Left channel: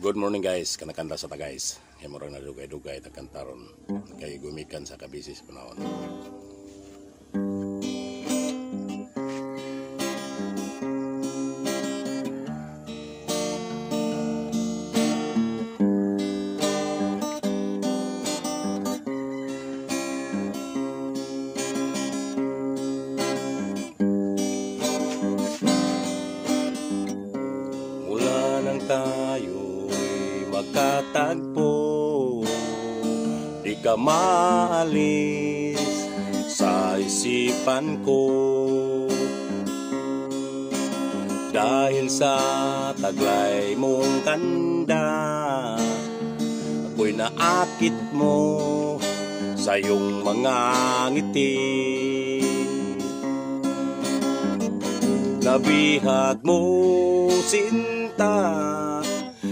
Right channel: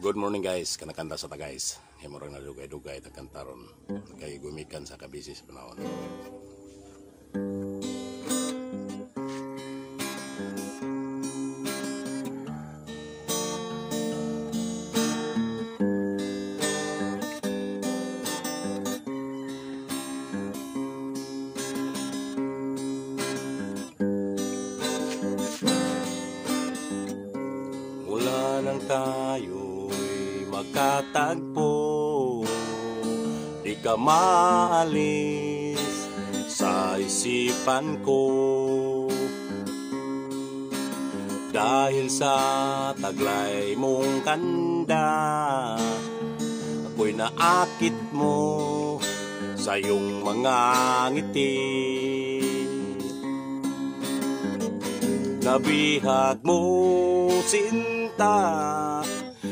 Good morning guys, kanakanta sa ta guys. Kay murag na dugay-dugay ta kantaron. Kay gumikan sa kabisi sa panahon. Magkatagpo, di ka maalis sa isipan ko. Dahil sa taglay mong kanda, ako'y naakit mo sa iyong mga ngiti. Nabihag mo, sinta,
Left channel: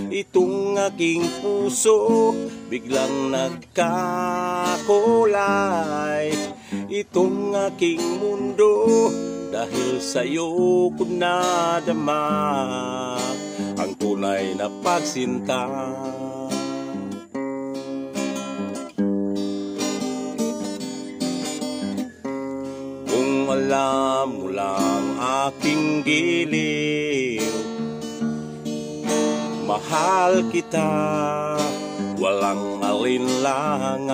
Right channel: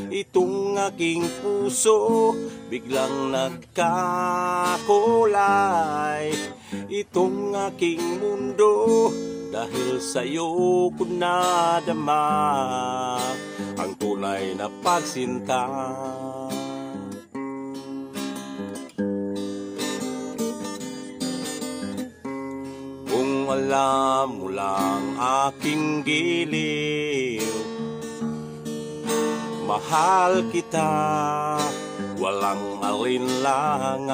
itong aking puso, biglang nagkakulay. Itong aking mundo, dahil sa'yo ko nadama ang tunay na pagsinta. Kung alam mo lang aking giliw, mahal kita, walang alinlangan.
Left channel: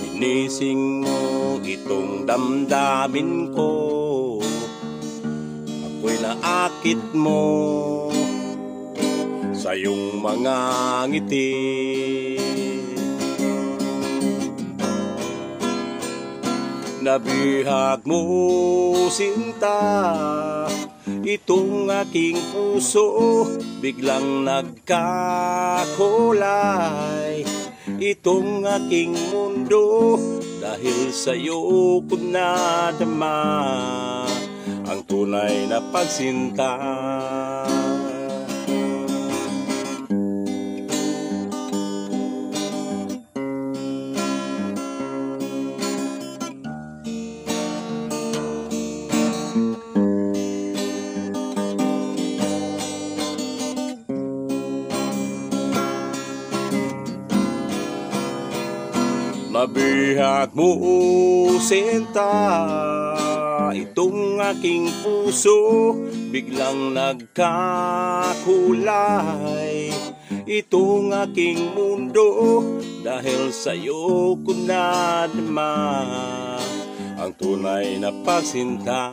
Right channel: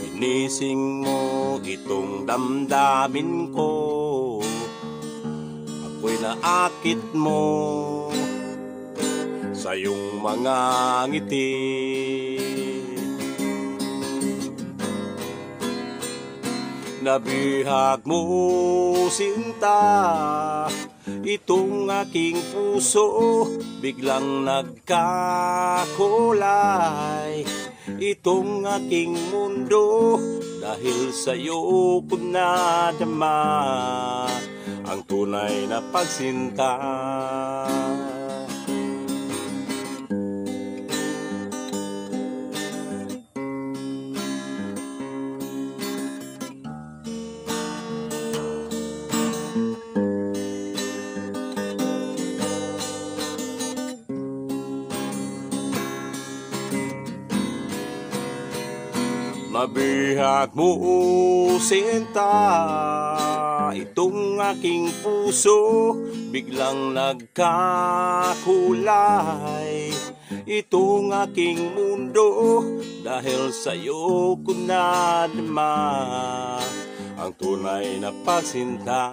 Ginising mo itong damdamin ko, ako'y naakit mo sa iyong mga ngiti. Nabihag mo, sinta, itong aking puso, biglang nagkakulay. Itong aking mundo, dahil sa'yo ko nadama ang tunay na pagsinta. Mabihag mo, sinta, itong aking puso, biglang nagkakulay. Itong aking mundo, dahil sa'yo ko nadama ang tunay na pagsinta.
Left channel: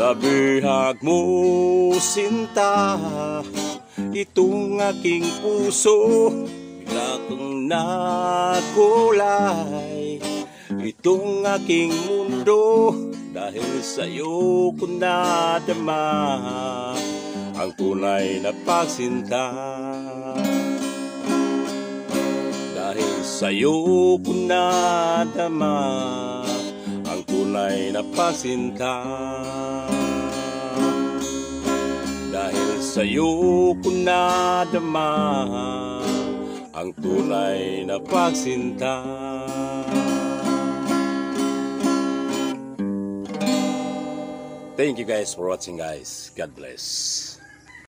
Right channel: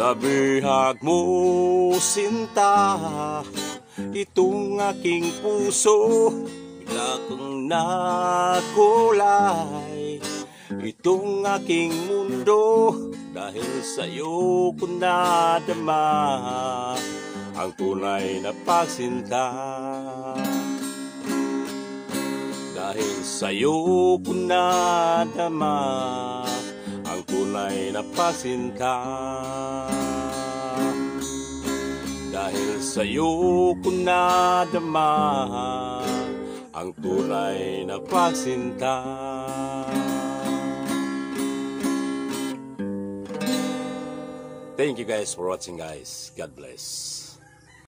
Nabihag mo, sinta, itong aking puso, bigla kong nakulay. Itong aking mundo, dahil sa'yo ko nadama ang tunay na pagsinta. Dahil sa'yo ko nadama ang tunay na pagsinta. Dahil sa'yo ko nadama ang tunay na pagsinta. Thank you guys for watching guys. God bless.